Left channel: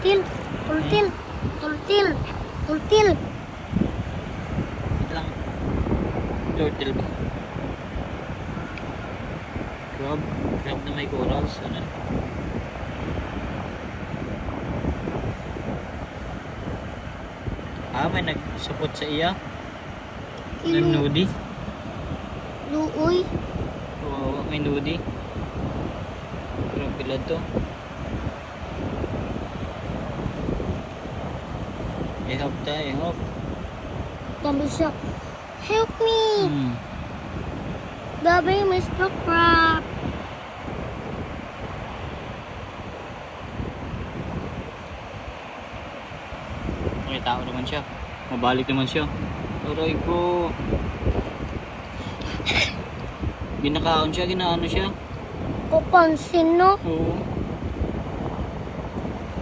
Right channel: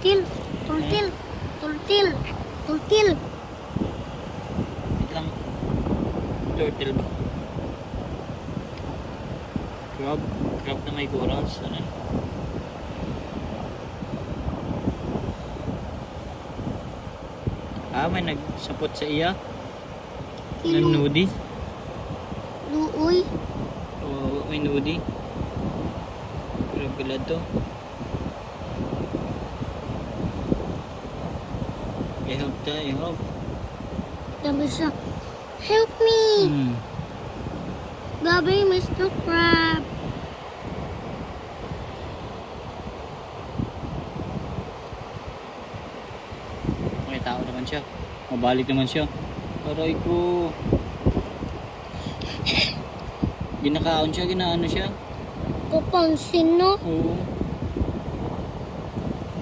Tultil. Tultil. Tultil. Tultil. Lang. Turtle ba? Crab. Crab na may corals. Ano yun? Ah, may nagsapot sa iya. May Kilo. nudi. Luoy. Kawawa, may nudi. Crab pala to. Ihap tayo, ihap. Sabi siya, help me. Baby, Mr. Crab. May tao naman siya. Mabalik naman siya. Aray ko. Ginakaon siya, ginaano siya. Papansin, no? Oo.